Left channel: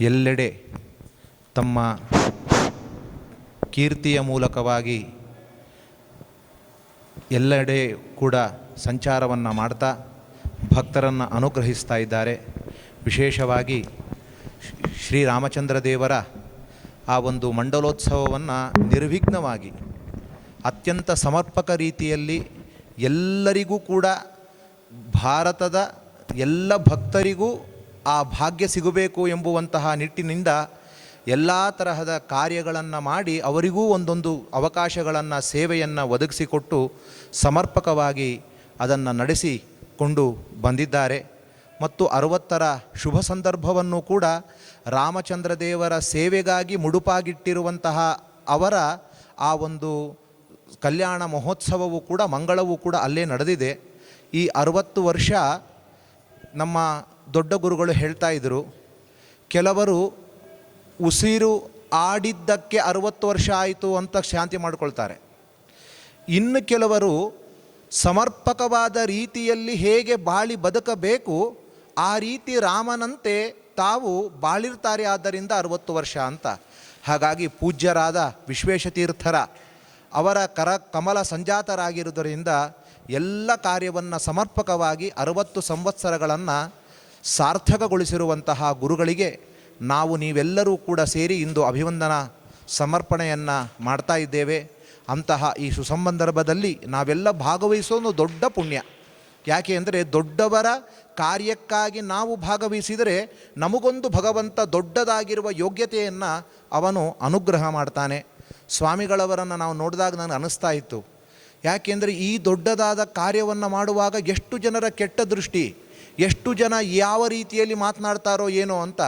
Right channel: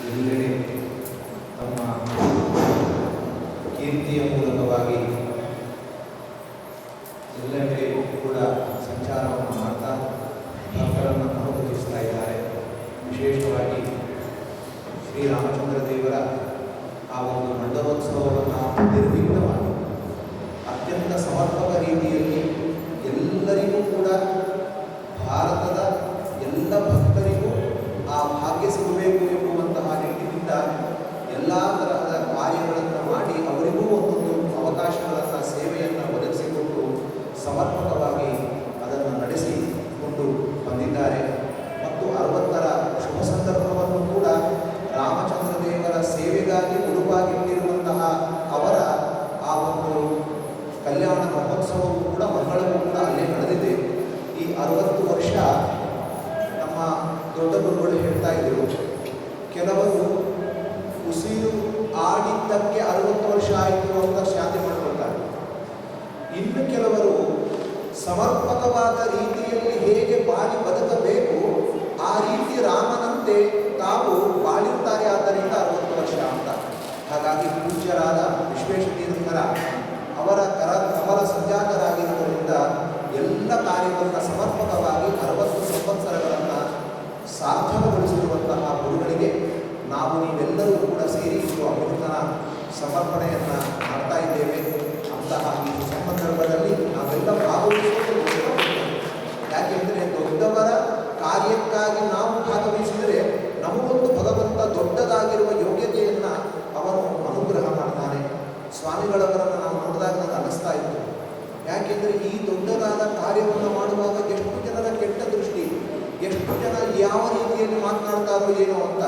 ಎಲ್ಲೆಡೆ ತಮ್ಮ ಕೀರ್ತಿಯ ಮೂಲಕವಾಗಿ ಎಲ್ಲೆಡೆ ಕೂಡ ಸಂಚಾರವನ್ನು ಮಾಡ್ತಾ ಭಕ್ತರನ್ನು ಅನುಗ್ರಹಿಸ್ತಾ ಇದ್ದಾರೆ. ವಿಶೇಷವಾಗಿ ಶ್ರೀರಾಮಚಂದ್ರ ದೇವರ ಆ ಒಂದು ಮಂಡಲೋತ್ಸವವನ್ನು ನಿರ್ವಿಘ್ನವಾಗಿ ಅತ್ಯಂತ ಸಮರ್ಪಕ ರೀತಿಯಲ್ಲಿ ಎಲ್ಲರಿಗೂ ಕೂಡ ಭಾರತದ ಎಲ್ಲ ಭಕ್ತರಿಗೂ ಆ ಭಾಗ್ಯ ಸಿಗಬೇಕು ಎಂಬುವಂತಹ ನಿಟ್ಟಿನಿಂದ ಎಲ್ಲ ತರಹದ ಕಾರ್ಯಗಳನ್ನು ಮಾಡಿ ಅವರಿಗೂ ಒಂದೊಂದು ಅವಕಾಶಗಳನ್ನು, ಸೇವೆಯನ್ನು ಒದಗಿಸಿಕೊಟ್ಟು ಸಮರ್ಪಕವಾಗಿ ಅದನ್ನು ನಡೆಸಿಕೊಂಡು ಬಂದಿದ್ದಾರೆ. ಮತ್ತು ಅರವತ್ತರ ಶುಭ ಸಂದರ್ಭವನ್ನು ಕೂಡ ರಾಮಚಂದ್ರ ದೇವರ ಸೇವೆಗಾಗಿ ಮುಡುಪಾಗಿಟ್ಟಿರುವಂತಹ ಅವರ ಆ ಒಂದು ಕಲ್ಯಾಣ ಮಹೋತ್ಸವವು ಕೂಡ, ಮಂಗಳವೂ ಕೂಡ ಅಲ್ಲೇ ನಡೆದಿದೆ. ಈ ಅರುವತ್ತು ವರ್ಷ ನಮ್ಮ ದೊಡ್ಡ ಗುರುಗಳು ಹೇಳ್ತಾ ಇದ್ದರು ಕೆಲವರು ಉಸಿರು ಆಡಿದ್ದಕ್ಕೆ ಅರವತ್ತು ವರ್ಷ ಆಯಿತು ಅಂತ ಶಾಂತಿ ಮಾಡ್ಕೊಳ್ತಾರೆ. ಇನ್ನು ಕೆಲವರು ಸಮರ್ಪಕವಾದ ರೀತಿಯಲ್ಲಿ ಹೇಗೆ ಬಾಳಿ ಬದುಕಬೇಕು, ಆ ರೀತಿ ರಾಮನಂತೆ ತಾವು ಬಾಳಿರ್ತಾರೆ ಆದ್ದರಿಂದ ಅರವತ್ತು ವರ್ಷ ಅಂತ. ಹಾಗಾಗಿ ಪೂಜ್ಯರಾದ ವಿಶ್ವೇಶತೀರ್ಥರ ಅವರ ಕರ ಕಮಲ ಸಂಜಾತರಾಗಿರುವುದರಿಂದ ಎಲ್ಲ ಕಾರ್ಯವನ್ನು ಸಮರ್ಪಕವಾಗಿ ಅರವತ್ತು ಸಂವತ್ಸರಗಳನ್ನು ಸಾರ್ಥಕಗೊಳಿಸಿರುವಂತಹ ಗುರುಗಳಿಗೆ ನಾವು ನೀವೆಲ್ಲರೂ ಕೂಡ ಸೇರಿ ಇಂದು ಅಭಿವಂದನಾ ಸಮರ್ಪಣೆಯನ್ನು ಮಾಡ್ತಾ ಇದ್ದೇವೆ. ಅಂತಹ ಈ ಸುಸಂದರ್ಭದಲ್ಲಿ ನಾವೆಲ್ಲ ಭಾಗವಹಿಸೋದು ದೊಡ್ಡ ಪುಣ್ಯ. ಯಾಕೆ ಅಂದರೆ ದೊಡ್ಡವರ ಕಾರ್ಯಕ್ಕಾಗಿ ನಾವು ಭಾಗವಹಿಸಿದರೆ ನಮಗೊಂದು ಭಗವಂತ ದೊಡ್ಡದಾಗಿರುವ ಯೋಗ್ಯತೆಯನ್ನು ಅವನು ಅನುಗ್ರಹ ಮಾಡ್ತಾನೆ. ಸ್ವಾಮಿಗಳವರನ್ನು ನಾವು ನೋಡಿದಾಗ ನನಗೆ ಅನಿಸ್ತಾ ಇತ್ತು. ಯಾಕೆಂದರೆ ಈ ದೊಡ್ಡದಾದ ಕಾರ್ಯವನ್ನು ಮಾಡುವಾಗ ಎಷ್ಟು ಜನರ ಕೆಟ್ಟ ದೃಷ್ಟಿ ಎಷ್ಟು ಜನ ಯಾವ ರೀತಿಯಲ್ಲಿ ಮಾತನಾಡ್ತಾರೋ ಏನೋ ಅಂತ.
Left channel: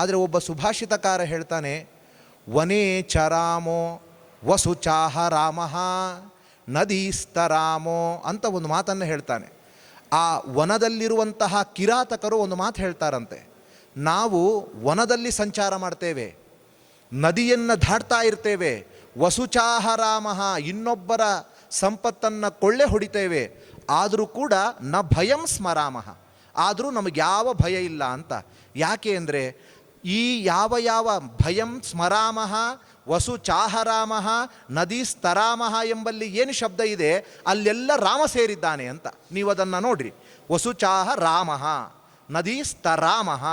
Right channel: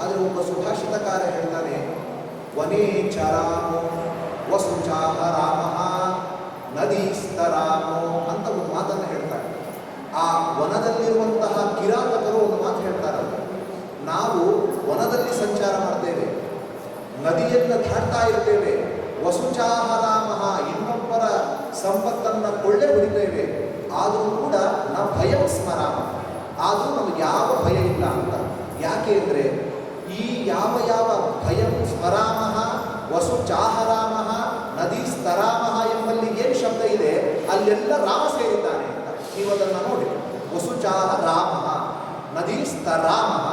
ಆದರೆ ಒಬ್ಬ ಸುಭಾಷಿತಕಾರ ಹೇಳ್ತಾನೆ, ವನೇ ಚರಾಮೋ, ವಸು ಚಾಹ ರಾಮ ನದೀಸ್ತರಾಮೋ ಅಂತ ಒಂದು ಮಾತನ್ನು ಹೇಳ್ತಾರೆ ಆ ವನದಲ್ಲಿರುವಂತಹ ಕಿರಾತಕರು ಒಂದು ಮಾತು ಹೇಳ್ತಾರಂತೆ. ನಾವು ವನದಲ್ಲಿ ಸಂಚಾರ ಮಾಡ್ತೇವೆ, ನದಿಯನ್ನು ದಾಟ್ತಾ ಇರ್ತೇವೆ ವಸುಚಾಹ ರಾಮ, ಇನ್ನೊಬ್ಬರ ಸಂಪತ್ತನ್ನು ಕೊಳ್ಳೆ ಹೊಡಿತೇವೆ, ಆದರೂ ಕೂಡ ನ ಭಯಂ ಸ್ಮರಾಮ. ಆದರೂ ನಮಗೆ ಯಾವ ಭಯ ಇಲ್ಲ ಅಂತ. ಯಾಕೆ ಅಂದರೆ ಈ ಯಾವ ಯಾವ ಭಯಂ ಸ್ಮರಾಮಹ ವಸು ಚಾಹರಾಮಹ ನದಿ ಸ್ತರಾಮಃ ಎಂಬಲ್ಲಿ ಏನು ಶಬ್ದ ಇದೆ, ಅಲ್ಲೆಲ್ಲ ರಾಮ ಸೇರಿದ್ದಾನೆ ಅಂತ. ನೀವು ಅದನ್ನು ನೋಡಿ. ವಸು ಚಾಹ ರಾಮಃ ನದಿ ಸ್ತರಾಮಃ.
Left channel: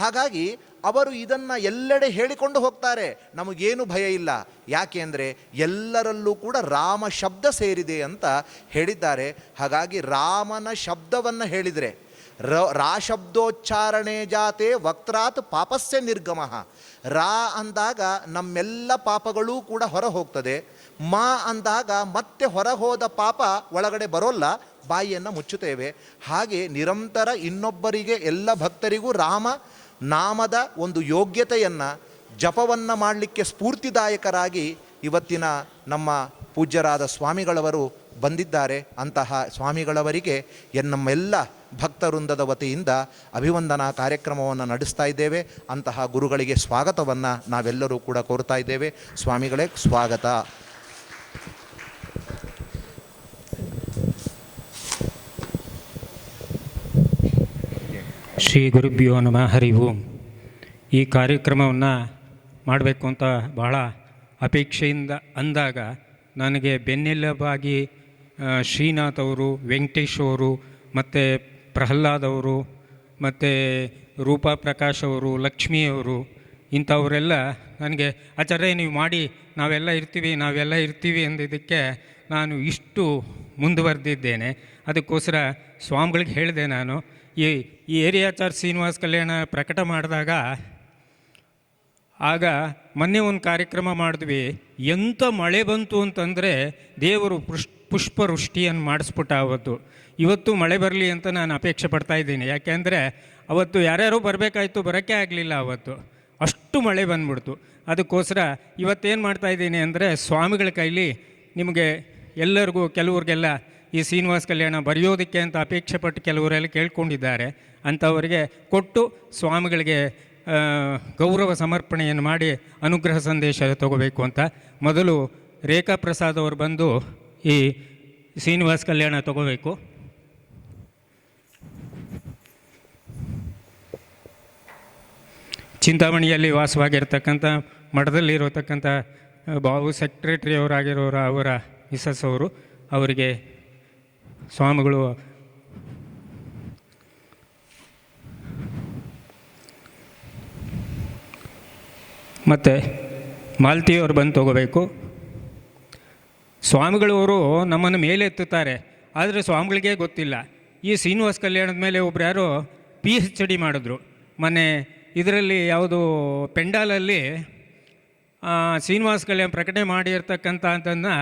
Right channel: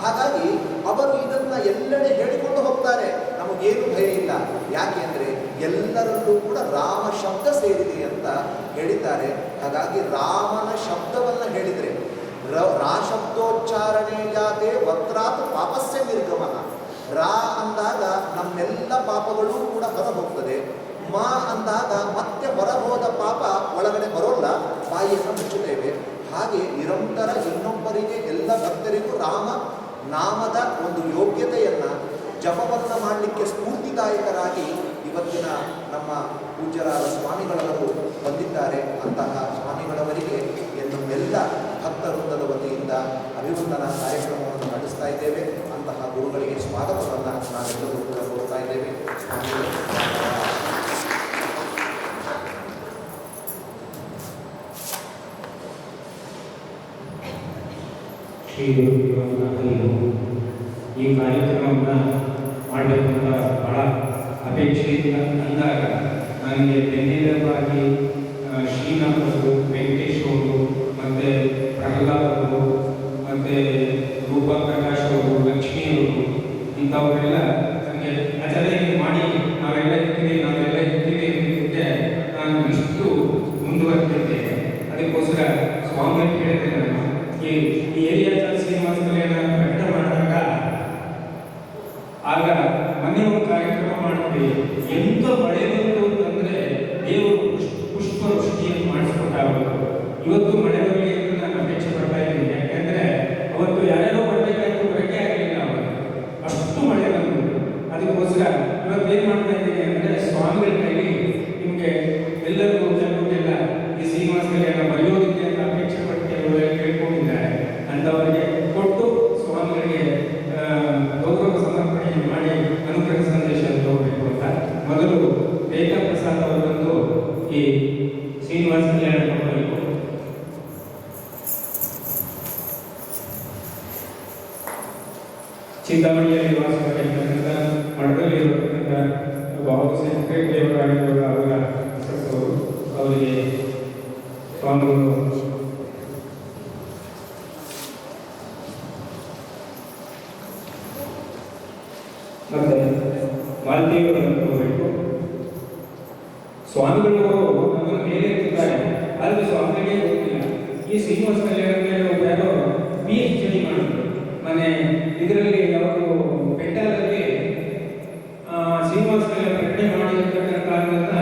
ಹಾಗಾಗಿ ಅವರು ಇದನ್ನು ಎಲ್ಲೆಡೆ ಹೇಳಿಕೊಂಡು ಹೋಗ್ತಾರೆ. ನಮಗೇನು ಭಯ ಇಲ್ಲ. ಯಾಕೆ ಅಂದರೆ ಎಲ್ಲರಲ್ಲೂ ಕೂಡ ರಾಮ ಶಬ್ದ ಸೇರಿದೆ ಅಂತ ಹೇಳಿದ್ದಾರೆ. ಹಾಗಾಗಿ ರಾಮನ ಶಬ್ದವನ್ನು ಹೇಳಿದರೆ ರ ಶಬ್ದೋಚ್ಚಾರಣೆ ಜಾತೆ ವಕ್ರಾತ್ ಪಾಪಸ್ಯ ನಿರ್ಗಮ. ರಾ ಅಂದಾಗ ನಮ್ಮೆಲ್ಲ ಪಾಪಗಳೂ ಕೂಡ ಹೊರ ಹೋಗ್ತದೆ ಮಾ ಅಂದಾಗ ಮತ್ತೆ ಹೊರ ಹೋದ ಪಾಪ ಒಳಗಡೆ ಬರೋಲ್ಲ, ಬಾಯಿಯನ್ನು ಮುಚ್ಚುತ್ತೇವೆ. ಹಾಗೆ ನಿರಂತರ ಇನ್ನೊಬ್ಬರಿಗೆ ಎಲ್ಲ ಭಕ್ತರಿಗೂ ರಾಮ, ನಾಮದ ಒಂದು ಯೋಗ್ಯತೆಯನ್ನು, ಜಪವನ್ನು ಮಾಡಲಿಕ್ಕೆ ಸ್ಫೂರ್ತಿದಾಯಕರಾಗಿ ಇವತ್ತಿನ ನಮ್ಮ ಪೂಜ್ಯರಾದ ಸ್ವಾಮಿಗಳವರು ಬಂದಿದ್ದಾರೆ. ಅಂತಹ ಸ್ವಾಮಿಗಳವರಿಗೆ ಎನ್ ನಮ್ಮೆಲ್ಲ ಭಕ್ತವೃಂದದ ವತಿಯಿಂದ ಅಭಿವಂದನಾ ಕಾರ್ಯಕ್ರಮವನ್ನು ನಡೆಸ್ತಾ ಇದ್ದೇವೆ. ಅಂತಹ ಗುರುಗಳಿಗೆ ಸ್ವಾಗತವನ್ನು ನಾವೆಲ್ಲರೂ ಕೂಡ ಕೋರ್ತಾ ಇದ್ದೇವೆ. ಸ್ವಾಮಿಗಳೇ, ಸ್ವಾಗತ. ಶ್ರೀ ಗುರುಭ್ಯೋ ನಮಃ. ಹರಿವು ಈ ಕಾರ್ಯಕ್ರಮವನ್ನು ಮಾಡಬೇಕು ಅಂತ ಭಾಳ ಅಪೇಕ್ಷೆಯಿಂದ ಅಂದಾಗ ನನಗೆ ಬೆನ್ನೆಲುಬಾಗಿ ಶ್ರೀನಾಥ್ ಅವರು, ವೆಂಕಟೇಶ್ ಅವರು ಮತ್ತು ಪ್ರಹ್ಲಾದ್ ಅವರು ಮತ್ತು ರೂಪಾ ಪ್ರಕಾಶ್ ಅವರು ಲಕ್ಷ್ಮಿಯವರು ಇಂಥವರೆಲ್ಲ ನನಗೆ, ಆಚಾರ್ಯ, ನೀವು ಮಾಡಿ, ನಾವೆಲ್ಲ ಇರ್ತೀವಿ ನಾವೆಲ್ಲ ಇರ್ತೀವಿ ಅನ್ನೋದಕ್ಕೆ ನಾನು ಇಷ್ಟು ಮುಂದುವರೆದಿದ್ದೇನೆ. ಅದಕ್ಕೋಸ್ಕರ ಸ್ವಾಮಿಗಳಿಗೆ ಹೇಳಿದೆ ನಾನು, ಈ ಈ ಏರಿಯಾ ಚಾರ್ಜ್ ಶ್ರೀನಿವಾಸ್ ಕಲ್ಯಾಣ ಪ್ರಕಟ ಮಾಡಿದಾಗ, ಆಗ ಮೊನ್ನೆ ಒಂದು ಕಾರ್ಯಕ್ರಮ ಮಾಡಿದ್ವಿ. ಎಂಥ ಮಳೆ ಬಂತು ಅಂತಂದರೆ ದೇವರು ಪುಷ್, ಪುಷ್ಪವೃಷ್ಟಿಯನ್ನು ಮಾಡಿಸ್ಬಿಟ್ಟ ಅವತ್ತು ಇವತ್ತು ಮಳೆ ಬರಲಿ ಅಂತ ನಾನು ಅಪೇಕ್ಷೆ ಪಡ್ತಾ ಇದ್ದೀನಿ. ಯಾಕೆಂದರೆ ಅವತ್ತು ಯಾರ್ಯಾರೋ ಬರಬೇಕಾಯ್ತು, ಬರೋಕ್ಕೆ ಆಗಲಿಲ್ಲ ಅವತ್ತು. ಅಷ್ಟು ಮಳೆ ಬಂದ್ಬಿಡ್ತು. ಅದಕ್ಕೋಸ್ಕರ ಇವತ್ತೇನು ಮಾಡ್ತಾ ಇದ್ದೀನಿ ಅಂದರೆ ಸ್ವಾಮಿಗಳ ಕೈಲಿ ನಿಮಗೆ ಎಲ್ಲರಿಗೂ, ಕೆಲವ್ರಿಗೆಲ್ಲ ಈ ಶ್ರೀನಿವಾಸ ಕಲ್ಯಾಣ ಬರೆಯೋದಕ್ಕೆ ಅಂತ ಅಪೇಕ್ಷೆ ಪಟ್ಟು ಕೆಲವರೆಲ್ಲ ಕೇಳ್ಕೊಂಡಿದ್ದಾರೆ. ಅಂಥವರಿಗೆ ಕೊಟ್ಟು ಸ್ವಾಮಿಗಳಿಗೆ ಗೌರವ ಸಮರ್ಪಣೆಯನ್ನು ಮಾಡಿ ಅನುಗ್ರಹ ಸಂದೇಶ ತಗೋಬೇಕು ಅಂತ ಮೊದಲು ರೇಖಾ ಪ್ರಸಾದ್ ಅವರು ಬಂದು ಈ ಶ್ರೀನಿವಾಸ ಕಲ್ಯಾಣ ತಗೋಬೇಕು. ಚಿಂತಾಮಣಿಯಲ್ಲಿ ವಾಸವಾಗಿರ್ತಕ್ಕಂಥ ಮಠದಲ್ಲಿರತಕ್ಕಂಥ ಬಾಬು ಸೆಕ್ರೆಟರಿಯವರಾಗಿರೋರ ಅವರ ಮಿಸಸ್ ಅವರು ಅವರಿಗೆ ಸ್ವಾಮಿಗಳು ಮತ್ತು ಮಾಲ್ತಿಯವರು ಬಂದು ತಗೋಬೇಕು. ಸ್ವಾಮಿಗಳವರು ನಮ್ಮನ್ನು ಮೇಲೆ ಎತ್ತುತ್ತಾರೆ. ಆದರೆ ಸ್ವಾಮಿಗಳಿಗೆ ಗೊತ್ತಿಲ್ಲ. ಈ ಶ್ರೀನಿವಾಸ ಕಲ್ಯಾಣದ ಮೇಲೆ ಒಬ್ರು ಯಾರೋ ಪಿ ಎಚ್ ಡಿ ಮಾಡಿದ್ರು. ಮೊನ್ನೆ ಇದರಲ್ಲಿ ಯಾವುದು ಪೆಂಡಾಲಲ್ಲಿ ಶ್ರೀನಿವಾಸ ಪ್ರಕಟಣೆ ಮಾಡಿರ್ತಕ್ಕಂಥದ್ದನ್ನು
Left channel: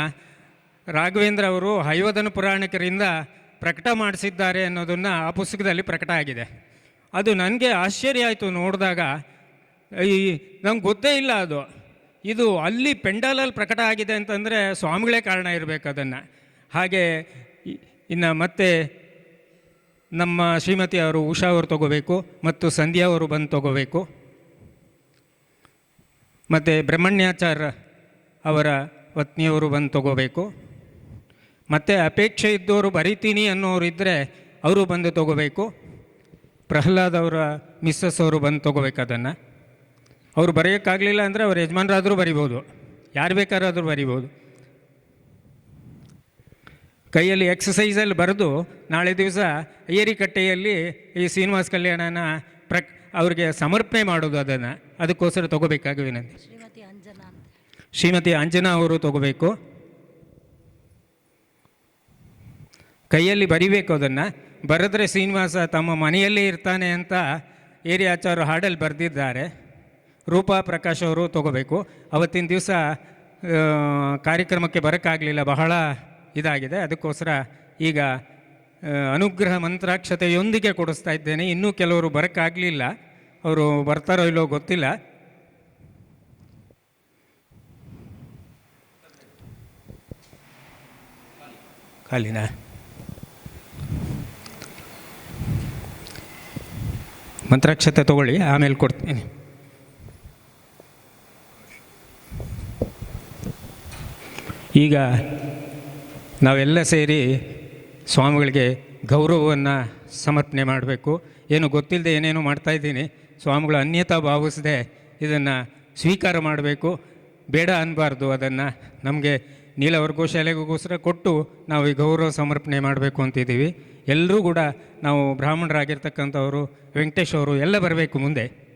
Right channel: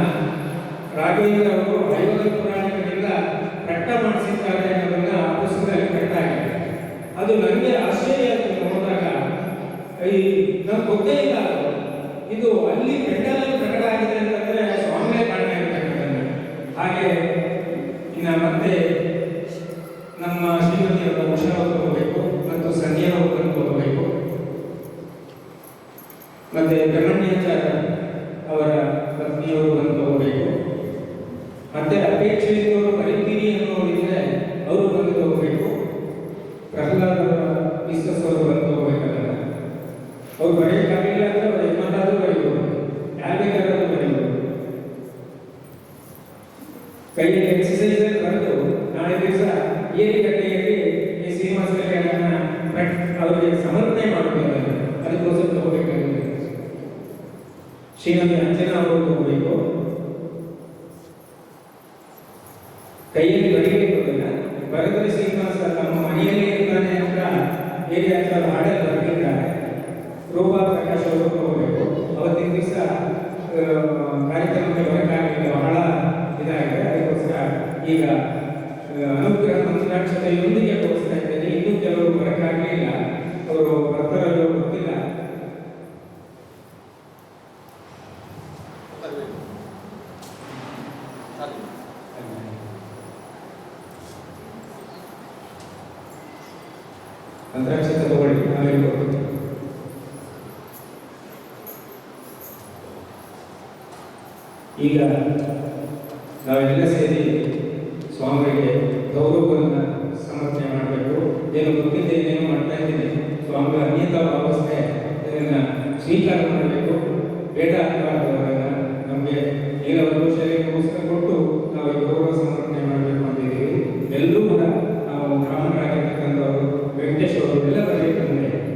ರಾಘವೇಂದ್ರ ಅವರು ಹಯೋಧನ ಪುರಾಣಿಕರಿಂದ ಪ್ರಕಟ ಮಾಡಿಸಿದ್ದಾರೆ ಅನ್ನೋದನ್ನು ಆ ಪುಸ್ತಕದಲ್ಲಿ ಪ್ರಕಟ ಆಗಿದೆ. ಅದು ನನಗೆ ಆಶ್ಚರ್ಯ ಆಯಿತು ನೋಡಿದಾಗ. ಈ ನಮ್ಗೆ ಗೊತ್ತೇ ಇಲ್ಲ ಅದು. ಇದು ಅಲ್ಲಿ ಪೆಂಡಾಲಲ್ಲಿ ಪ್ರಕಟ ಆಗಿದೆ ಅಂತಂದರೆ ಸ್ವಾಮಿಗಳೇ ಕಾರಣ ಇರಬೇಕು ಅದನ್ನು. ಹಾಗೆ ಇನ್ನು ಮತ್ತೆ ನಮ್ಮ ಶ್ರೀಮತಿ ಅವರು ಉಷಾ ಅವರು ತಗೋಬೇಕು ಮತ್ತು ಸಂಧ್ಯಾ ಅವರು ಬಂದು ತಗೋಬೇಕು. ಮತ್ತು ಬ್ರಹ್ಮಣ್ಯಾಚಾರ ಅವರ ಪತ್ನಿಯವರು ಬಂದು ತಗೋಬೇಕು. ಮತ್ತು ಅಪೇಕ್ಷೆ ಇದ್ದವರು ಬರಿತೀನಿ ಅನ್ನೋರು ಇದ್ದರೆ ಅವರು ಬಂದು ತಗೋಬೇಕು. ಪ್ರಹ್ಲಾದ್ ಅವರ ಮಿಸ್ಸಸ್ ಅವರು ಬಂದು ತಗೋಬೇಕು ಅದನ್ನು. ಅವರು ಬರೆಯೋಕ್ಕಾಗಲಿಲ್ಲ ಅಂದರೆ ಅವ್ರ ಯಜಮಾನರಾದರೂ ಬರಿಬೋದು. ಯಾರು ಬೇಕಾದ್ರೂ ಬರಿಬೋದು. ಕೈಯಲ್ಲಿ ಎಕ್ಸಸೈಸಲ್ಲಿ ಬರೆದು ನಾಳೆ ದಿವಸ ಏರಿಕಟ್ಟೆಯಲ್ಲಿ ಈ ಶ್ರೀನಿವಾಸ ಕಲ್ಯಾಣನ ಪ್ರ ಅವ್ರಿಗೆ ಸಮರ್ಪಣೆ ಮಾಡೋದು ಅದನ್ನು. ಅದಕ್ಕೋಸ್ಕರ ತಗೋಬೇಕಾಗಿಲ್ಲ ಶ್ರೀಮತಿ ಅಂಜನಾ ಅವರು ತಗೋಬೇಕು. ಕೈಯಲ್ಲಿ ಬರಿಬೇಕು ಅದನ್ನು. ಬರೆದ್ರೆ ಶ್ರೀನಿವಾಸ ತಮ್ಮ ಮನೆಯಲ್ಲೇ ಇರ್ತಾನೆ ಅಂತ ಏರಿಯಾಚಾರು ಹಾಡಲ್ಲಿ ಬರೆದಿದ್ದಾರೆ. ರೂಪಾ ಪ್ರಕಾಶ್ ಅವರು ತಗೋಬೇಕು. ಅವತ್ತಿನ ದಿವಸ ಕಾರ್ಯಕ್ರಮಕ್ಕೆ ಬರೋಕ್ಕಾಗಲಿಲ್ಲ. ಬಹಳ ಇದಾಗಿದೆ. ಅದಕ್ಕೋಸ್ಕರ ಈಗ ಅನುಗ್ರಹ ಮಂತ್ರಾಕ್ಷತೆಯೊಂದಿಗೆ ಕೊಡಿಸ್ತಾ ಇದ್ದೇನೆ. ಇನ್ನೂ ಕೆಲವರು ಬರೋಕ್ಕಾಗಲಿಲ್ಲ. ಅವರು ಬರ್ತಾರೋ ಇಲ್ಲೋ ಗೊತ್ತಿಲ್ಲ. ಅಲ್ಲಿನ? ಮಂತ್ರಾಕ್ಷತೆ ತಗೊಳ್ಳಿ, ಆಮೇಲೆ ಕೊಡ್ತೀನಿ. ಈಗ ನಾವೆಲ್ಲ ಸೇರಿ ಸ್ವಾಮಿಗಳಿಗೆ ಗೌರವವನ್ನು ಸಮರ್ಪಣೆ ಮಾಡಬೇಕು. ಏನು ಗೊತ್ತಿಲ್ಲದೆ ಏನೇನೋ ಮಾಡ್ತಾಯಿದ್ದೀನಿ ಸ್ವಾಮಿಗಳು ಅನ್ಯತಾ ಭಾವಿಸದೆ ಇದನ್ನು ಸ್ವೀಕಾರ ಮಾಡಬೇಕು. ಬೇಡ ಅನ್ನಬಾರ್ದು ಅದನ್ನು. ನಮಗೆ ನೀಲವರ್ಗ ಶಾಲೆಗೋಸ್ಕರ ಕೊಟ್ಟು ನಾವು ಈ ಗೌರವ ಸಮರ್ಪಣೆ ಮಾಡಬೇಕು ಅಂತಿದ್ದೀವಿ. ಎಲ್ಲರೂ ಕೂಡ ನಾವು ಬ್ರಾಹ್ಮಣರಾಗಿರ್ತಕ್ಕಂಥವರು, ವೆಂಕಟೇಶ್ ಅವರು ಎಲ್ಲ ಬರಬೇಕು ಮುಂದೆ.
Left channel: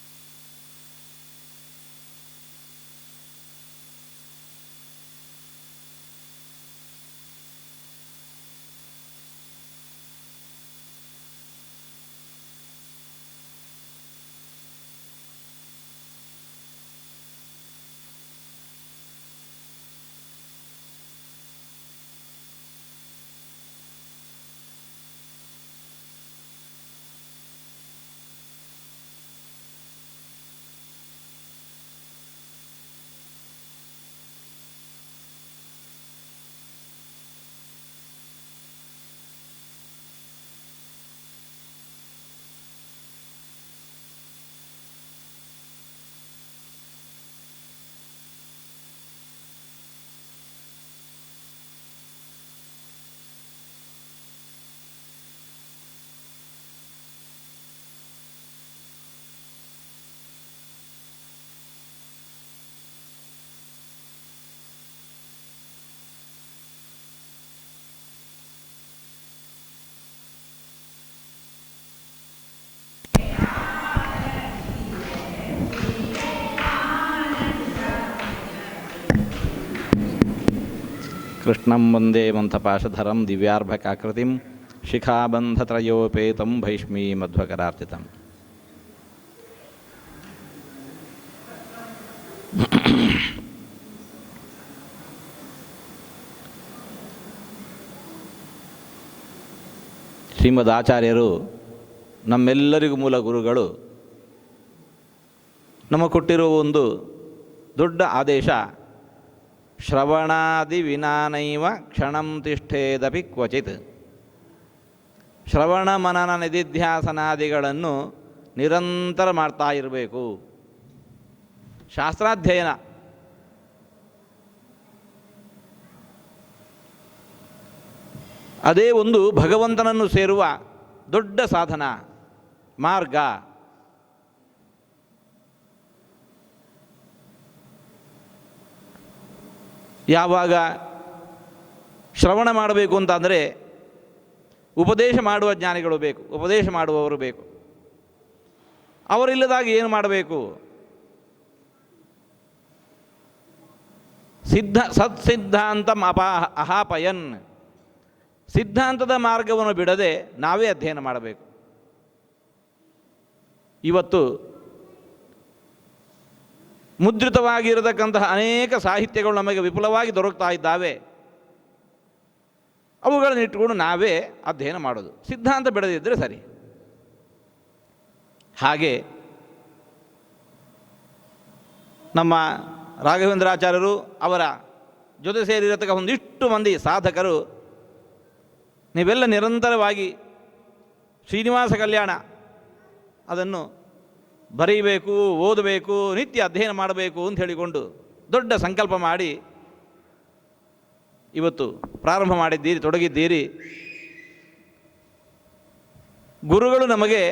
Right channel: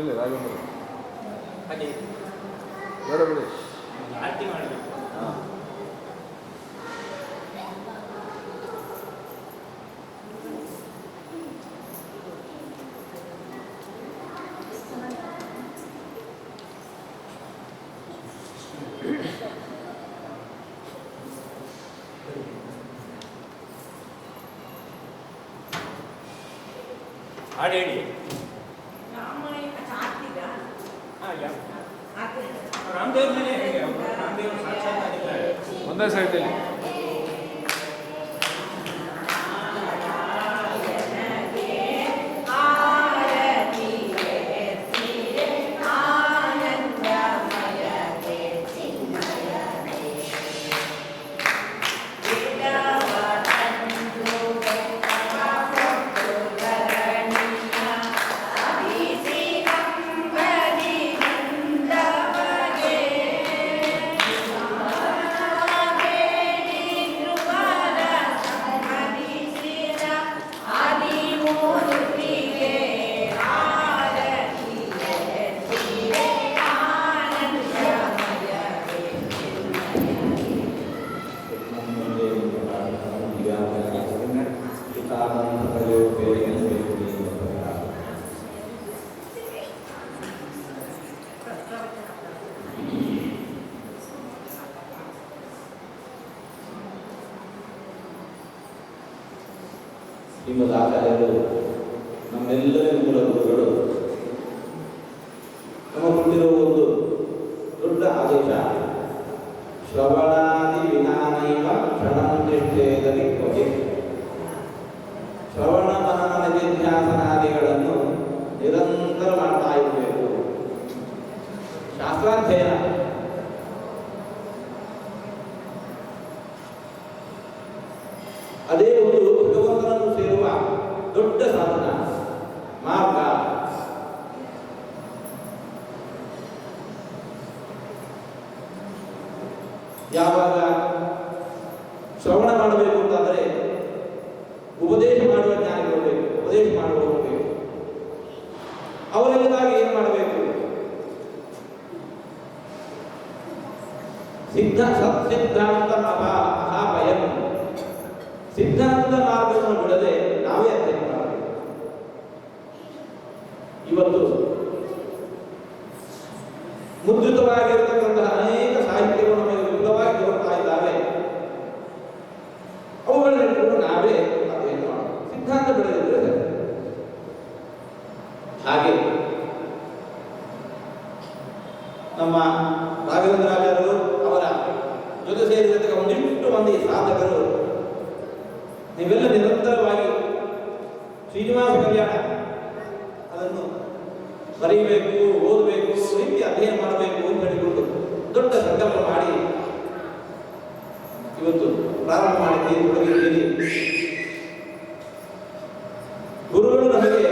ಇಲ್ಲ ರಾಘವೇಂದ್ರ ಬೇಡ ಬಿಡಿ ಹಾಂ ಹಾಡು ಹೇಳಿ ರಾಮದೇವ್ರ ಮೇಲೆ ಹೇಗೆ ಅವರು? ರಾಮದೇವ್ರ ಸಾಕ್ಷಾತ್ತಾಗಿದ್ದಾರೆ. ಒಂದೇ ಸೈಡಲ್ಲಿ ಕೃಷ್ಣಂ ವಂದೇ ಮಂಥಪಾಶಧರಂ ದಿವ್ಯಾರ್ಭಕಾಕೃತಿಂ ಶಿಖಾಬಂಧತ್ರಯೋಪೇತಂ ಭೈಷ್ಮೀ ಮಧ್ವಕರಾರ್ಪಿತ ಶ್ರೀಮದ್ ಆಚಾರ್ಯರು ನಮ್ಮೆಲ್ಲರಿಗೂ ಮೂಲ ಗುರುಗಳು ನಮಗೆ ಕೊಟ್ಟಿರುವ ಒಂದು ದೊಡ್ಡ ಆದೇಶ ಶ್ರವಣಾದಿ ವಿನಾನೈವ ಕ್ಷಣಂ ತಿಷ್ಠೇದಪಿ ಕ್ವಚಿತ್ ಶ್ರವಣ ಮನನ ನಿಧಿಧ್ಯಾಸನಾದಿಗಳನ್ನು ನಿರಂತರ ಮಾಡ್ತಾ ಇರಬೇಕು. ಶಾಸ್ತ್ರಾಧ್ಯಯನ. ಅದೇ ಒಂದು ಭಗವಂತನನ್ನು ಸೇರುವ ದೊಡ್ಡ ಸಾಧನ, ಮಾರ್ಗ. ಯಾವಾಗ ಶ್ರವಣ ಮಾಡಬೇಕು ಅಂತಾದರೆ ಉಪದೇಶ ಮಾಡುವ ಜ್ಞಾನಿಗಳು ಬೇಕು, ಉಪದೇಶ ಮಾಡುವವರು ಬೇಕು. ಅವರಿಲ್ಲದಾಗ ಏನು ಮಾಡಬೇಕು? ಸಿದ್ಧ ಸತ್ಸಿದ್ಧಾಂತ ಅಪಾ, ಅಹಾಪಯನ್. ಸಿದ್ಧಾಂತದ ಮಾರ್ಗವನ್ನು ಬಿಡದೆ ನಾವೇ ಅಧ್ಯಯನ ಮಾಡಬೇಕು. ಇವತ್ತು ಮುದ್ರಿತವಾಗಿರತಕ್ಕಂತಹ ಅನೇಕ ಸಾಹಿತ್ಯಗಳು ನಮಗೆ ವಿಪುಲವಾಗಿ ದೊರಕ್ತಾ ಇದ್ದಾವೆ. ಅವುಗಳನ್ನು ಇಟ್ಟುಕೊಂಡು ನಾವೇ ಅಧ್ಯಯನ ಮಾಡೋದು? ಸಿದ್ಧಾಂತ ಬೆಳೆದಿದ್ದರೆ ಸರಿ. ಹಾಗೆ ನಮ್ಮ ರಾಘವೇಂದ್ರಾಚಾರ್ಯರು ಅವರ ಜೊತೆ ಸೇರಿರತಕ್ಕ ಒಂದಿಷ್ಟು ಮಂದಿ ಸಾಧಕರು, ನೀವೆಲ್ಲ ನಿರಂತರವಾಗಿ ಶ್ರೀನಿವಾಸ ಕಲ್ಯಾಣ, ಅದನ್ನು ಬರೀಬೇಕು, ಓದಬೇಕು, ರೀತಿ ಅಧ್ಯಯನ ಮಾಡಬೇಕು ಅಂತ ಹೇಳಿಕೊಂಡು ದೊಡ್ಡ ಸಂಕಲ್ಪ ಮಾಡಿ ಇವತ್ತು ಪ್ರಾರಂಭ ಮಾಡಿದ್ದೀರಿ, ತೊಡಗಿದ್ದೀರಿ. ಗುರುಗಳು ನಮಗೆ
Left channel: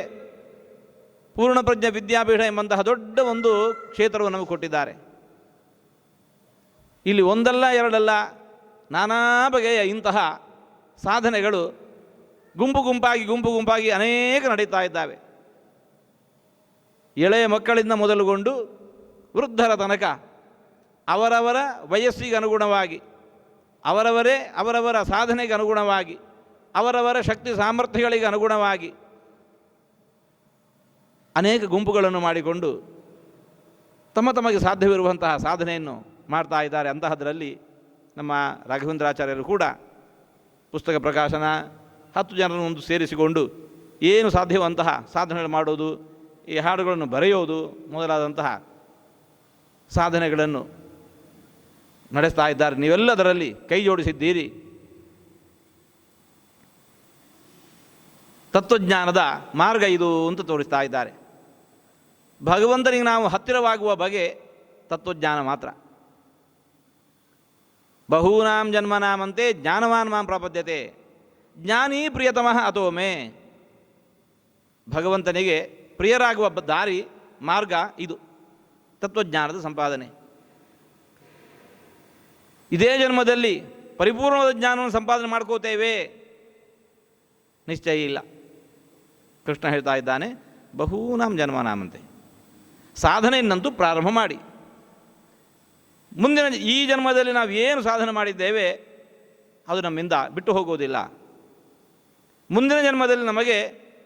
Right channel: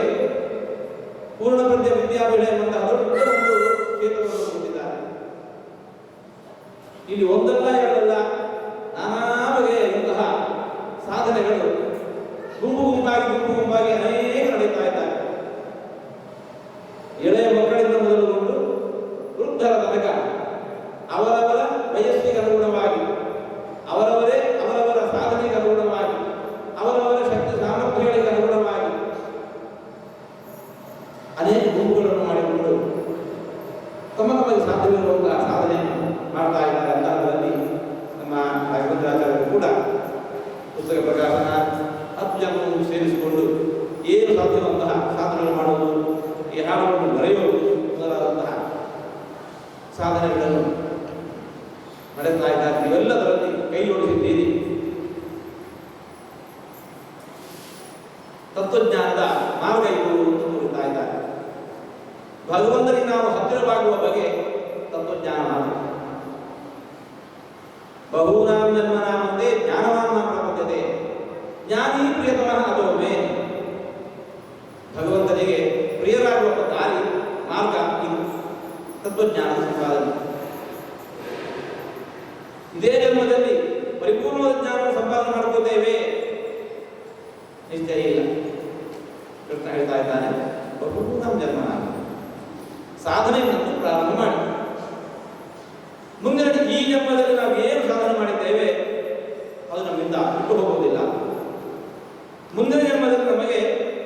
ಪೂರ್ಣಪ್ರಜ್ಞ ವಿದ್ಯಾಪೀಠ ಎಂಬಂತಹ ದೊಡ್ಡ ಒಂದು ಕ್ಷೇತ್ರವನ್ನು ನಮಗೆ ಕೊಟ್ಟಿದ್ದಾರೆ. ಇಲ್ಲಿ ಒಂದಲ್ಲ, ಎರಡಲ್ಲ, ನಾನಾ ಬಗೆಯ ಇಂತಹ ಸಾಧನೆಗಳು ಗುಂಪು ಗುಂಪಾಗಿ ಗುಂಪು ಗುಂಪಾಗಿ ಅನೇಕ ನಡೀತಾ ಇದ್ದಾವೆ. ಎಳೆಯ ಮಕ್ಕಳಿಂದ ಮೊದಲುಗೊಂಡು ವೃದ್ಧರ ತನಕ ಅವರವರ ವಯಸ್ಸಿಗೆ ಅನುಗುಣವಾಗಿ, ಅವರವರೇ ಅವರವರ ಸಾಧನೆಗೆ ಅನುಗುಣವಾಗಿ, ಅವರವರ ಶಕ್ತಿ ಸಾಮರ್ಥ್ಯಗಳಿಗೆ ಅನುಗುಣವಾಗಿ ಅನೇಕ ಗುಂಪುಗಳನ್ನು ಮಾಡಿಕೊಂಡು ತಮ್ಮ ತಮಗೆ ಸಾಧ್ಯವಿರುವಂತಹ ಸಾಧನೆಯನ್ನು ಮಾಡ್ತಾ ಇದ್ದಾರೆ. ಅಂತಹದರಲ್ಲಿ ನಮ್ಮ ರಾಘವೇಂದ್ರಾಚಾರ್ಯರು ಕೂಡ ಪುಸ್ತಕ ಪ್ರಕಾಶನ ಹತ್ತು ಜನರನ್ನು ಸೇರಿಸಿಕೊಂಡು ಏನು ಸಾಧ್ಯವಂತಹ ಸಾಧನೆಗಳು ಮಾಡುವುದು ಈ ಹಾಡುಗಳನ್ನು ಬರೆಯುವುದು ಮೊದಲಾದಂತಹ ಸಾಧನೆಗಳನ್ನು ನಡೆಸ್ತಾ ಇದ್ದಾರೆ. ನೀವೆಲ್ಲದರಲ್ಲಿ ಕೈ ಜೋಡಿಸಿದ್ದೀರಿ. ತತ್ವಜ್ಞಾನದ ಮಾರ್ಗ ಇದು ಅಂತ ತೋರಿಸ್ತಾ ಇದ್ದಾರೆ. ಭಗವಂತನಿಗೆ ನಾವು ಹತ್ತಿರವಾಗುವ ಬಗೆ ತತ್ವಜ್ಞಾನ ಮಾತ್ರ. ಬಹೂನಾಂ ಜನ್ಮನಾಮಂತೆ ಜ್ಞಾನವಾನ್ ಮಾಂ ಪ್ರಪದ್ಯತೆ. ಜ್ಞಾನೀ ಪ್ರಿಯತಮಃ ಅದೋಮೆ ಭಗವಂತನಿಗೆ ಪ್ರಿಯರಾಗುವ ದಾರಿ, ಮಾರ್ಗ ಇದು. ತತ್ವಜ್ಞಾನದ ಸಂಪಾದನೆ. ಇದೇ ಜನ್ಮದಲ್ಲಿ ಪರಿಪೂರ್ಣವಾದ ಜ್ಞಾನವನ್ನು ಸಂಪಾದನೆ ಮಾಡ್ಕೋತೇವೆ. ನಿಶ್ಚಯ ಇಲ್ಲ. ಕೃಷ್ಣ ಹೇಳ್ತಾ ಇದ್ದಾನೆ, ಬಹೂನಾಂ ಜನ್ಮ ನಾನು ಸಾಧನೆಯನ್ನಂತೂ ಪ್ರಾರಂಭ ಮಾಡಿ. ಮುಂದಿನ ಈ ಜನ್ಮದಲ್ಲಿ ನಾವು ಏನು ಸಾಧನೆ ಮಾಡಿದ್ದೇವೆ, ಅದು ನಮ್ಮಿಂದ ಬಿಟ್ಟು ಹೋಗುವುದಿಲ್ಲ. ಮುಂದಿನ ಜನ್ಮದಲ್ಲಿ ನಮಗೆ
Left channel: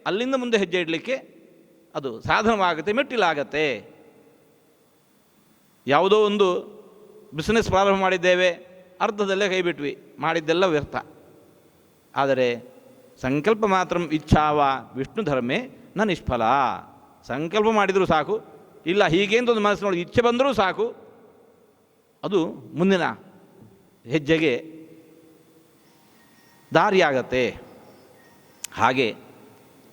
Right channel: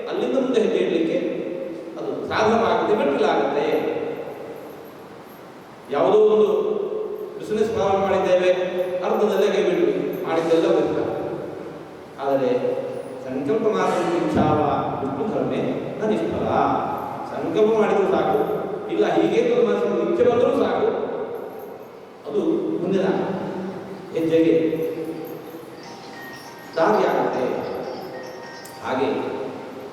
ಅಲ್ಲಿಂದ ಮುಂದೆ ಹೆಜ್ಜೆ ಇಡಲಿಕ್ಕೆ ಅದು ಸಾಧನವಾಗುತ್ತೆ ಮೆಟ್ಟಿಲಾಗತ್ತೆ. ಯಾವುದೋ ಒಂದು ಬಿಸ್ನೆಸ್ ಪ್ರಾರಂಭ ಮಾಡಿದ್ದೇವೆ, ಅರ್ಧದಲ್ಲೇ ಕೈ ಬಿಟ್ವಿ. ಮಾಡಿದ್ದೆಲ್ಲ ವ್ಯರ್ಥ. ಆದರೆ ಸಂಕಲ್ಪ ಮಾತ್ರ ಇಚ್ಛಾವ ವಿಷ್ಣು ಧರ್ಮೇ ನ ನಿಷ್ಫಲ. ಸಂಕಲ್ಪ ಮಾಡಿದರೂ ಸಾಕು, ಇಲ್ಲ ಹೀಗೆ ಅಂತ ಒಂದು ಮನಸ್ಸಿನೊಳಗೆ ಇಚ್ಛೆ ಬಂದರೂ ಸಾಕು, ಅದು ಮುಂದಿನ ಹೆಜ್ಜೆಗೆ ದಾರಿಯಾಗತ್ತೆ. ಹಾಗೆ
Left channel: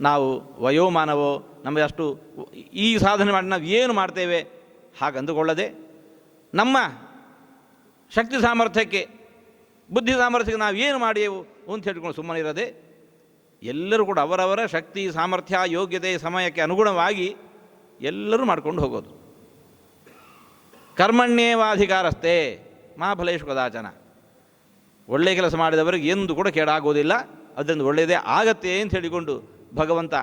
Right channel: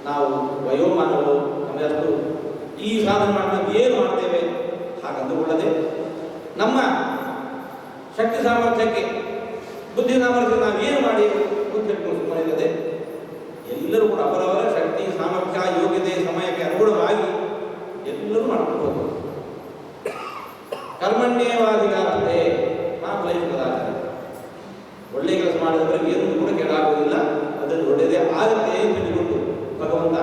ನಾವು ವಯೋಮಾನವೋ ನಮಗೆ ಅಷ್ಟು ಈ ಸಾಧನೆ ಮಾಡಿ ನಾವು ಏನು ಮಾಡ್ತೇವೆ ಹಾಗೆ ಅಂದುಕೊಳ್ಳದೆ ನಮ್ಮ ಶಕ್ತಿ ಸಾಮರ್ಥ್ಯಕ್ಕೆ, ಬುದ್ಧಿ ಸಾಮರ್ಥ್ಯಕ್ಕೆ ನಾವು ಏನು ಮಾಡಿಯೇವು ಅಂತ ಹೇಳ್ಕೊಂಡು ಸುಮ್ಮನೆ ಇರದೆ, ಎಲ್ಲರೂ ಕೂಡ ಅವರವರ ಶಕ್ತಿ, ಸಾಮರ್ಥ್ಯ, ಯೋಗ್ಯತೆ, ಸಮಯಕ್ಕೆ ಅನುಗುಣವಾಗಿ ಎಲ್ಲರೂ ಮಾಡ್ಕೊಂಡು ಹೋಗೋದು ಕರ್ಮಣ್ಯೇವಾಧಿಕಾರಸ್ಥೆ ಮಾ ಫಲೇಶ್ ಕದಾಚಾರ ಒಳ್ಳೆ ಕೆಲಸ ಮಾಡಿದವರಿಗೆ ಎಂದು ಕೂಡ ಕೇಡಾಗುವುದಿಲ್ಲ, ಅದರಿಂದ ಒಳ್ಳೆಯದೇ ಆಗತ್ತೆ ಅಂತ ಹೇಳಿಕೊಂಡು ಭಗವಂತ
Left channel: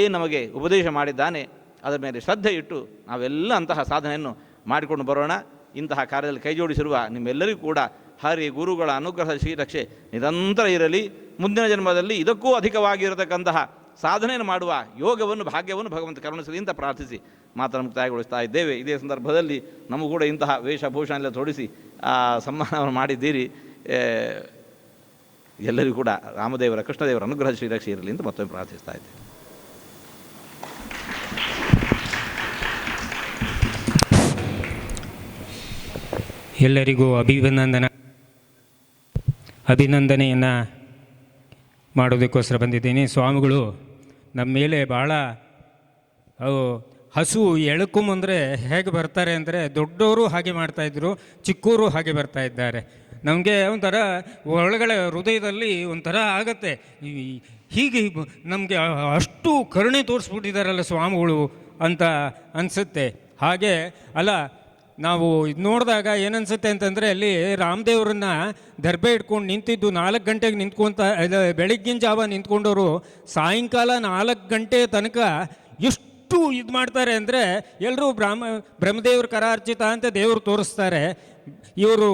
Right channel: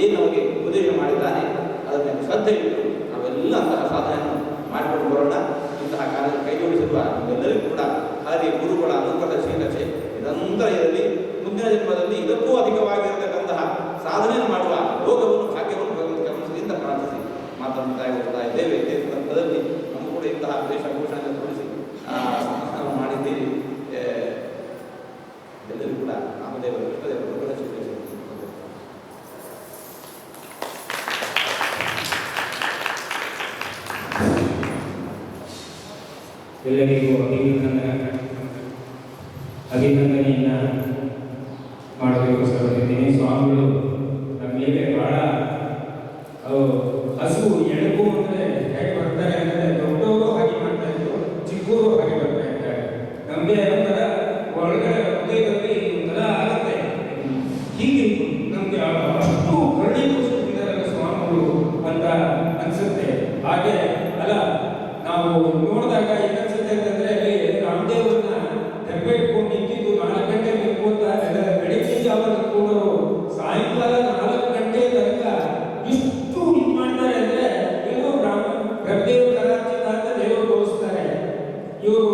ಏನು ನಮಗೆ ಉಪದೇಶ ಮಾಡಿದ್ದಾನೆ, ಅದರ ಮೇಲೆ ಶ್ರದ್ಧೆ ಇಟ್ಟು ನಾವೆಲ್ಲ ಅಂತಹ ಸಾಧನೆಯನ್ನು ಮಾಡಿಕೊಂಡು ಬರೋಣ. ಇಂತಹ ಕಾರ್ಯದಲ್ಲಿ ಕೈ ಜೋಡಿಸಿರುವ ನಿಮ್ಮೆಲ್ಲರಿಗೂ ಕೂಡ ಹರಿ ಗುರುಗಳ ಅನುಗ್ರಹ ಶ್ರೀರಕ್ಷೆ ನಿರಂತರ ಇರಲಿ. ಮುಂದಿನ ಜನ್ಮದಲ್ಲಿ ಇದಕ್ಕೂ ಅಧಿಕವಾಗಿರತಕ್ಕಂತಹ ಸಾಧನೆಯನ್ನು ಮಾಡುವ ಯೋಗವನ್ನು, ಭಾಗ್ಯವನ್ನು ಭಗವಂತ ಕರುಣಿಸಲಿಂದ ಪ್ರಾರ್ಥಿಸಿ. ಮಾತನ್ನು ಮುಕ್ತಾಯಗೊಳಿಸ್ತಾ ಇದ್ದೇವೆ. ಇದೇ ಸಂದರ್ಭದಲ್ಲಿ ನಮಗೂ ಕೂಡ ಇಂತಹ ವೇಷಭೂಷಣ ತೊಡಿಸಿ ಸಮ್ಮಾನವನ್ನು ಮಾಡಿದ್ದೀರಿ. ಎಲ್ಲರಿಗೂ ಕೂಡ ರಾಮದೇವರ, ಕೃಷ್ಣದೇವರ ಅನುಗ್ರಹ ಶ್ರೀರಕ್ಷೆ ಇರಲಿ ಅಂತ ಮತ್ತೊಮ್ಮೆ ಪ್ರಾರ್ಥಿಸ್ತಾ ಇದ್ದೆ. ಎಲ್ಲರಿಗೂ ಅಭಿನಂದನ. ಅಭಿನಂದನೆಯನ್ನು ಮಾಡೋದಕ್ಕೋಸ್ಕರ ಬಂದಿದ್ದೀನಿ. ಸ್ವಾಮಿಗಳು, ನಮ್ಮ ಮೇಲೆ ಭಾಳ ಹಸು ಎಳಕು ಅಂದರೆ ಹೇಗೆ ಬರ್ತಾರೆ ಅಂದರೆ ದೊಡ್ಡವರು ಹಾಗೆ ಮಾಡ್ತಾಯಿದ್ರು ಚಿಕ್ಕವರು ಹಾಗೆ ಬರ್ತಾ ಇದ್ದಾರೆ. ನಮಗೆ ಒಂಥರ ಒಳಗಡೆ ಹೃದಯದಲ್ಲಿ ಒಂಥರ ಆಗತ್ತೆ. ಹೀಗೆ ನಮಗೆ ಅಷ್ಟು ಕರುಣೆ ತೋರಿಸ್ಬಿಟ್ಟಿದ್ದಾರಲ್ಲ ಸ್ವಾಮಿಗಳು ಅಂತ ಅನಿಸುತ್ತೆ. ಹಾಗೆ ಅಲ್ಲ, ನಾವು ಇದು ನೋಡಿದಾಗ ಏನನ್ಸುತ್ತೆ ಅಂತಂದರೆ ಅಲ್ಲಿ ರಾಮದೇವ್ರನ್ನ ದರ್ಬೆ ಇಟ್ಕೊಂಡು ನಿಂತಿದ್ದು ನಾಲ್ಕು ಗಂಟೆಗೆ ನಿಂತ್ಕೊಂತ ಬೆಳಗ್ಗಿನ ಜಾವ ನಿಂತ್ಕೊಂಡವರು ಸಾಯಂಕಾಲ ನಾಲ್ಕು ಗಂಟೆ ತನಕ ಎಷ್ಟು ಇದು ಮಾಡ್ತಾರೆ ಅಂದರೆ ಎಲ್ಲರೂ ಬ್ರಾಹ್ಮ, ಬ್ರಹ್ಮದೇವ್ರ ಕರಾರ್ಚಿತ ಅಂತ ದೇವರು ತೋರಿಸ್ತಾರೆ. ಇವರು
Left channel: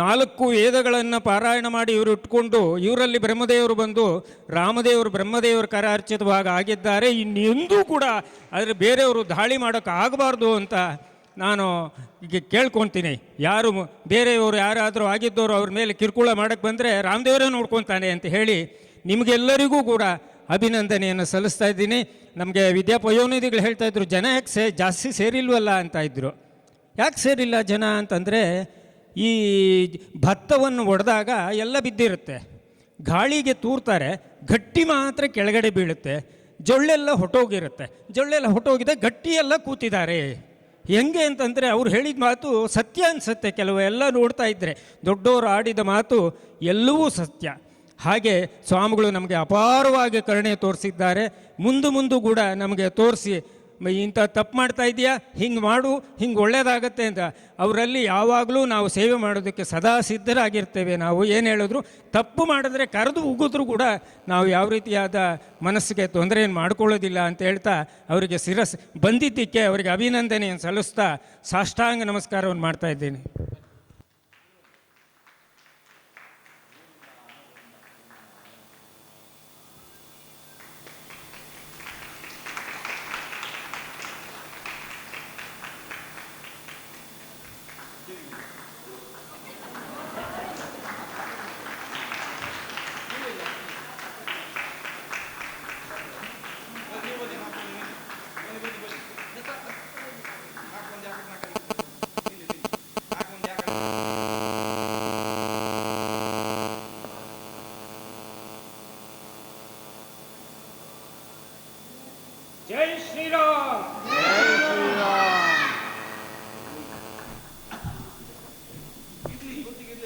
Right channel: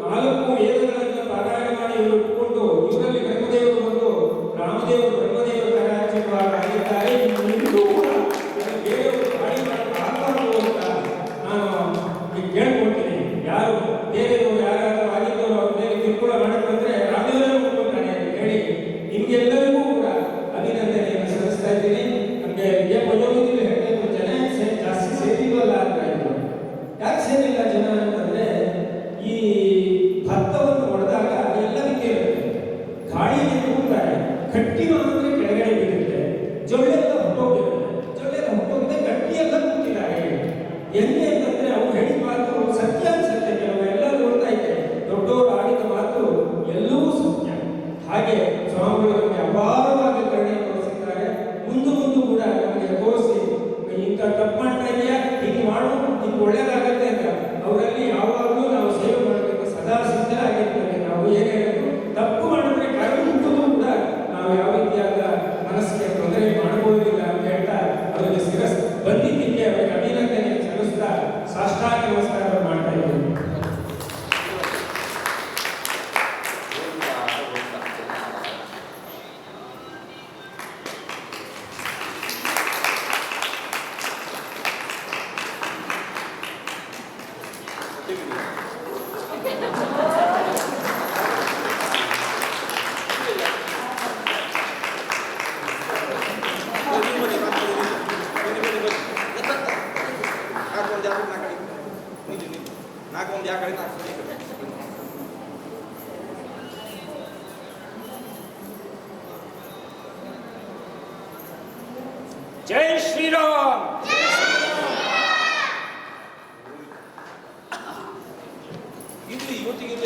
ನಾಲ್ಕು ವೇದಗಳನ್ನು ಪಾರಾಯಣ ಮಾಡಿ ಇವರು ಇಟ್ಕೊಂಡು ಇವರಲ್ಲಿ ಬ್ರಹ್ಮದೇವರು ಬಂದು ರಾಮದೇವರು, ಬ್ರಹ್ಮದೇವರು ಕರೆ ಹಚ್ಚಿದವಾಗ ಆಗಿದ್ದಾರೆ. ಇನ್ನೆಂದೂ ಕೂಡ ಅದನ್ನು ಬೇರೆಯವರು ದಾಳಿ ಮಾಡೋಕ್ಕಾಗಬಾರ್ದು ಅಂತ ನಾನು ಕೇಳ್ಕೊಳ್ತೀನಿ. ಯಾರು ಬೇರೆಯವರು ಯಾರಾದರೂ ಆಗಿದ್ದವರು ಅವ್ರ ಮೇಲೆ ಕಿರುಕುಳ ಮಾಡಕ್ಕೆ ಬಂದರೆ ರಾಮದೇವರೇ ನೋಡ್ಕೊತಾನೆ ಅಂತ ಹೇಳಿ ನಿಮಗೆಲ್ಲರಿಗೂ ಕೂಡ ಅಭಿನಂದನೆಯನ್ನು ಸಲ್ಲಿಸ್ತಾ ಇದ್ದೀನಿ. ನಮಗೆ ವಿದ್ಯಾಪಯೋನಿಧಿಗಳು ಹೇಳ್ತಾ ಇದ್ರು, ಜನ ಯಾಕೆ ಸೇ, ಜಾಸ್ತಿ ಸೇರಿಲ್ವಲ್ಲ? ಅಂತ ಇದ್ರು. ಯಾಕೆ ಸೇರಿಲ್ಲ ಜನ ಅಂತಂದರೆ ಈ ಭತ್ತವನ್ನು ಒಡೆದಾಗ ಎಲ್ಲ ಬಿದ್ದಿರುತ್ತೆ. ಗಾಳಿಗೆ ತೂರ್ತಾರೆ, ಗಟ್ಟಿ ಮಾತ್ರ ಕೆಳಗಡೆ ಬೀಳುತ್ತೆ, ಜೊಳ್ಳೆಲ್ಲ ಹೊಟ್ಟೋಗಿರುತ್ತೆ. ಜೊಳ್ಳೆಲ್ಲ ಹೊಟ್ಟೋಗಿದೆ, ಗಟ್ಟಿಯೆಲ್ಲ ಕೂತಿದ್ದಾರೆ. ಹೆಂಗೆ ಅಂತಂದರೆ ಅವ್ರು ಹೇಳಿದ ಮಾತು ಸತ್ಯ ಅನಿಸುತ್ತೆ. ಕೆಲವು ಎಲ್ಲ ನೋಡ್ತಾ ಇದ್ದರೆ ದೊಡ್ಡವರು ಆಡಿದ ಮಾತು ಎಲ್ಲವೂ ಸತ್ಯ. ಹಾಗೆ ಸ್ವಾಮಿಗಳು ನಮಗೆ ಅಪಾರವಾಗಿ ಕರುಣೆ ತೋರಿಸಿದ್ದಾರೆ. ಮುಂದೆ ಮುಂದೂ ಕೂಡ ನಮಗೆ ತೋರಿಸಿ ಇಂಥ ತಪ್ಪು ಮಾಡ್ತಾ ಇದೆಯಾ? ಹಿಂಗೆ ಮಾಡು, ಹಿಂಗೆ ಒಳ್ಳೇದಾಗತ್ತೆ ಅಂತ. ಅವರಲ್ಲಿ ಯಾವಾಗಲೂ ನಾವು ಸೇವೆ ಮಾಡೋದಕ್ಕೆ ಸದಾ ಸಿದ್ಧರಾಗಿರ್ತೇವೆ. ನಾವು ಏನು ಹೇಳಿದ್ರು, ತಪ್ಪು ಮಾಡಿದ್ರೆ ಕರೆದು ಮುಗಿದ್ರು ಕೂಡ ನಾವು ಯಾವ ರೀತಿಯಾದ ಮನಸ್ಸಿಗೆ ತೊಂದರೆ ಮಾಡ್ಕೊಳ್ಳೋದಿಲ್ಲ ಅಂತ ಹೇಳ್ತಾ ಅವರಿಗೆ ಶಿರಸ್, ಬಂದಿದ್ದಕ್ಕೆ ಅವರಿಗೆ ಅಭಿನಂದನೆ ಸಲ್ಲಿಸ್ತಾ ಸಾಷ್ಟಾಂಗ ನಮಸ್ಕಾರವನ್ನು ಮಾಡ್ತಾ ಇದ್ದೇನೆ activity.